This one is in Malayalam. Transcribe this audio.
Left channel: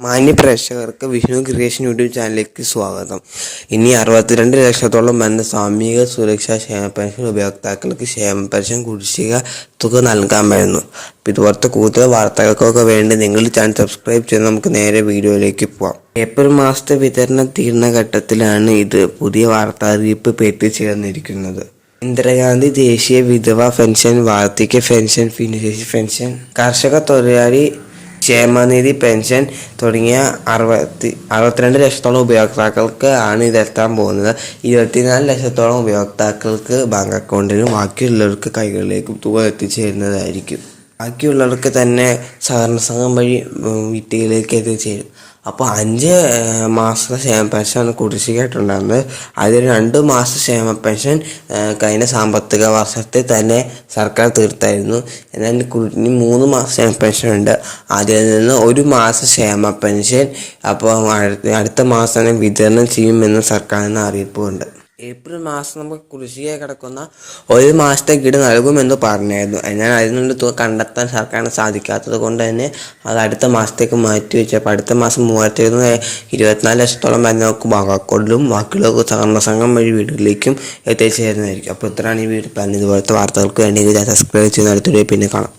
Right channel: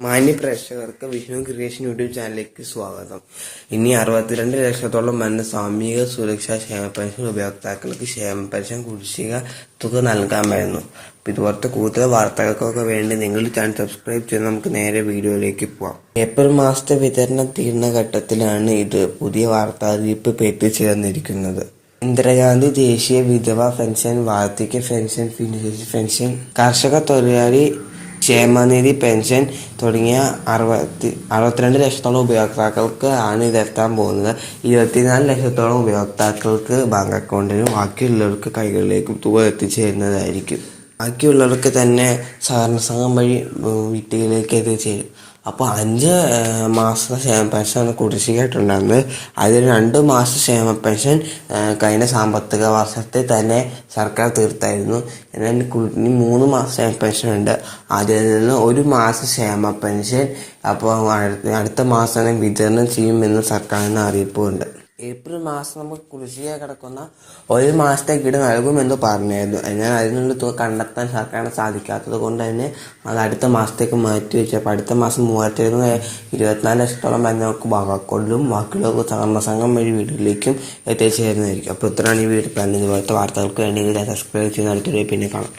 മാന്യ പ്രേക്ഷകർക്ക് വിഷ്ണു ക്രിയേഷൻ യൂട്യൂബ് ചാനലിലേക്ക് സ്വാഗതം. ഇനി അറുപത്തിരണ്ട് ലക്ഷത്തോളം വരുന്ന സാമൂഹിക സുരക്ഷാ ക്ഷേമ പെൻഷൻ ഉപയോക്താക്കൾക്ക് ക്ഷേമ പെൻഷൻ കുടിശ്ശിക തുക നൽകാൻ വരുന്നു. ഇതുപോലത്തെ കൂടുതൽ വാർത്തകൾക്കൊക്കെ വേണ്ടി നിങ്ങൾ ചാനൽ സബ്സ്ക്രൈബ് ചെയ്ത് നമുക്ക് നേരെ വീഡിയോയിലേക്ക് പോവാം. ഏപ്രിൽ മാസത്തെ വിതരണം തീർന്ന ഘട്ടത്തിലാണ് ഇത് പുതിയ വാർത്താ അറിയിപ്പ് എത്തിച്ചേർന്നിരിക്കുന്നത് ഇന്ദിരാഗാന്ധി ദേശീയ വിധവ പെൻഷൻ വാർദ്ധക്യ പെൻഷൻ ഭിന്നശേഷി പെൻഷൻ കർഷക തൊഴിലാളി ക്ഷേമനിധി പെൻഷൻ തുടങ്ങിയ അറുപത്തി അറുപത്തിരണ്ട് ലക്ഷത്തോളം ഉപയോക്താക്കൾക്ക് ആണ് ഇതെത്താൻ പോകുന്നത്. ഇരുപത്തിനാല് ലക്ഷത്തോളം ഉപയോക്താക്കൾക്ക് ബാങ്ക് അക്കൗണ്ടിലും ബാക്കിയുള്ളവർക്ക് കൈകളിലേക്കും തുക എത്തിച്ചേരുന്നതായിരിക്കും. ബാക്കിയുള്ളവർക്ക് തന്നെ സഹകരണ സംഘം വഴി വീട്ടിലേക്ക് എത്തിച്ചേരും. അപ്പോൾ അഞ്ച് മാസത്തെ ക്ഷേമ പെൻഷൻ കുടിശ്ശികയായിട്ടുണ്ടായിരുന്നത് അതിൽ രണ്ട് മാസ ക്ഷേമ പെൻഷൻ കഴിഞ്ഞ സാമ്പത്തിക വർഷത്തിൽ തന്നെ സർക്കാർ തീർത്തായിരുന്നു. എന്നാൽ കു- മൂന്ന് മാസ ക്ഷേമ പെൻഷൻ ഉണ്ട്. അതിൽ നിന്ന് ഒരു മാസ ക്ഷേമ പെൻഷൻ അപ്പോൾ അടുത്ത മാസം തന്നെ വിതരണം ചെയ്യുമെന്ന് സർക്കാരിന് അറിയിപ്പുണ്ട്. ഏപ്രിൽ മാസം നമുക്ക് കൃഷിയെ കിടക്കുന്ന ഒരു മാസത്തെ കിട് നൽകുമെന്ന് പറഞ്ഞായിരുന്നു. എന്നാൽ അതിനുള്ള തുക കണ്ടെത്താൻ സർക്കാരിന് സാധിക്കാത്തത് കൊണ്ട് തന്നെ അത് അടുത്ത മാസത്തേക്ക് മാറ്റി വെച്ചപ്പോൾ അടുത്ത മാസം മൂവായിരത്തി ഇരുന്നൂറ് ഇരുപത്തിനാല് ലക്ഷത്തോളം വരുന്ന നമുക്ക് ബാക്കിയുള്ള സഹകരണ സംഘം വഴി വീടുകളിലേക്കും എത്തിച്ചേരുന്നതായിരിക്കും. അപ്പോൾ ഇത്രയാണ് ഈ വീട് പ്ലാൻ ഇതുപോലത്തെ വാർത്തകൾക്ക് വേണ്ടി സബ്സ്ക്രൈബ് ചെയ്യുന്ന അടുത്തൊരു പിന്നെ കാണാം.